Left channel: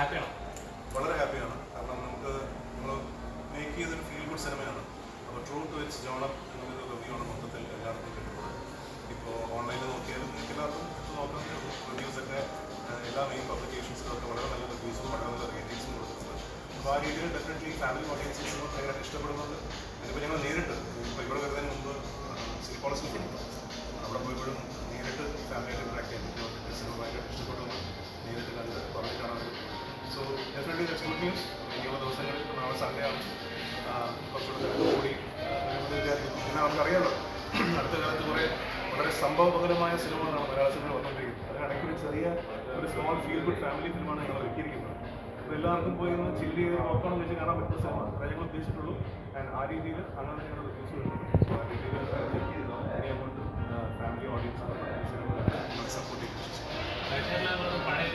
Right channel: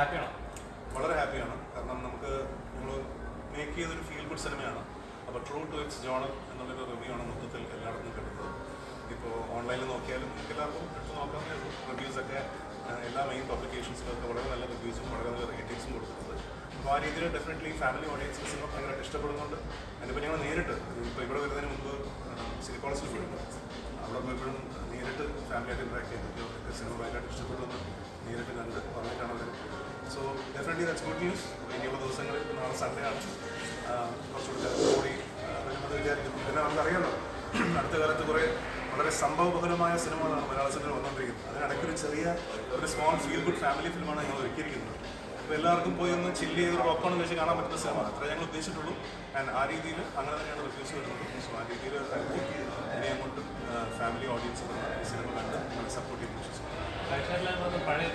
ഹാപ്പിയാണോ? വളരെ ഹാപ്പിയാണ്. കാരണം നമ്മൾ മേക്ക് ചെയ്തൊരു ഫീൽ ഗുഡ് സിനിമയാണ്. അപ്പോൾ ട്രൂ ടു ഇറ്റ്സ് ജോണർ എന്നുള്ളൊരു റിവ്യൂ ആണ് മൊത്തത്തിൽ എല്ലായിടത്തും കിട്ടുന്നത്. ഇപ്പോൾ ഓൺലൈനിൽ നോക്കിയാലും നിങ്ങൾക്ക് എല്ലാവർക്കും എടുത്ത് നോക്കാവുന്നേ ഉള്ളൂ. റിവ്യൂസൊക്കെ എല്ലാ മെയിൻ പബ്ലിക്കേഷൻസിലൊക്കെ വളരെ നല്ല റിവ്യൂസും വളരെ നല്ല റേറ്റിംഗ്സും കൊടുക്കുന്നുണ്ട്. അപ്പോൾ ആ രീതിയിൽ ഡെഫിനറ്റ്ലി ഫാമിലി ഓഡിയൻസസിനും ഭയങ്കര ഇഷ്ടപ്പെടുന്നുണ്ട്. അതിപ്പോൾ ഞങ്ങൾ നേരിട്ട് ഇപ്പോൾ ഇവിടെ വരുന്നതിന് മുമ്പ് സിറ്റി കോളേജിൽ പോയിട്ടുണ്ട്. അവിടെ പോയപ്പോഴും നേരിട്ട് ഫാമിലിയായിട്ട് ഇൻട്രാക്ട് ചെയ്യാൻ പറ്റി. അവർക്ക് സിനിമ ഭയങ്കരമായിട്ട് ഇഷ്ടപ്പെടുന്നു. നേരിട്ട് കണ്ട് പറഞ്ഞിട്ടാണ് അവർ. So definitely that's good news. ഇനിയുള്ള ദിവസങ്ങളിൽ ഇപ്പോൾ നാളെ സൺഡേ ആണ്, കുറച്ചുകൂടി തിരക്ക് കൂടി വരുമെന്ന് വിചാരിക്കുന്നു. പിന്നെ നമുക്കറിയാമല്ലോ, അടുത്ത കാലത്ത് കുറേ വളരെ സംഭവബഹുലമായ സിനിമകളാണ് മലയാള സിനിമ വന്നുകൊണ്ടിരിക്കുന്നത്. അതിനിടയ്ക്കൊരു ഒരു സ്മോൾ ഫീൽ ഗുഡ് ഫാമിലി ഫിലിമാണ് ഞങ്ങൾ ഒരുക്കിയിരിക്കുന്നത്. അപ്പോൾ എല്ലാവർക്കും പോയി ഒന്ന് ചില്ല് ചെയ്ത് പോപ്കോൺ വെച്ച് കാണാൻ പറ്റുന്ന സിനിമ അത്രേ ഞങ്ങൾ ഉദ്ദേശിച്ചിട്ടുള്ളൂ. ആൻഡ് ആ രീതിയിൽ അങ്ങനെ തന്നെയാണ് റിവ്യൂസ് വരുന്നത്. സോ ആ രീതിയിൽ ഇനി അങ്ങോട്ട് ഫാമിലി ഓഡിയൻസ് ഈ സിനിമ കണ്ട് സപ്പോർട്ട് ചെയ്യുന്നു. പഴയ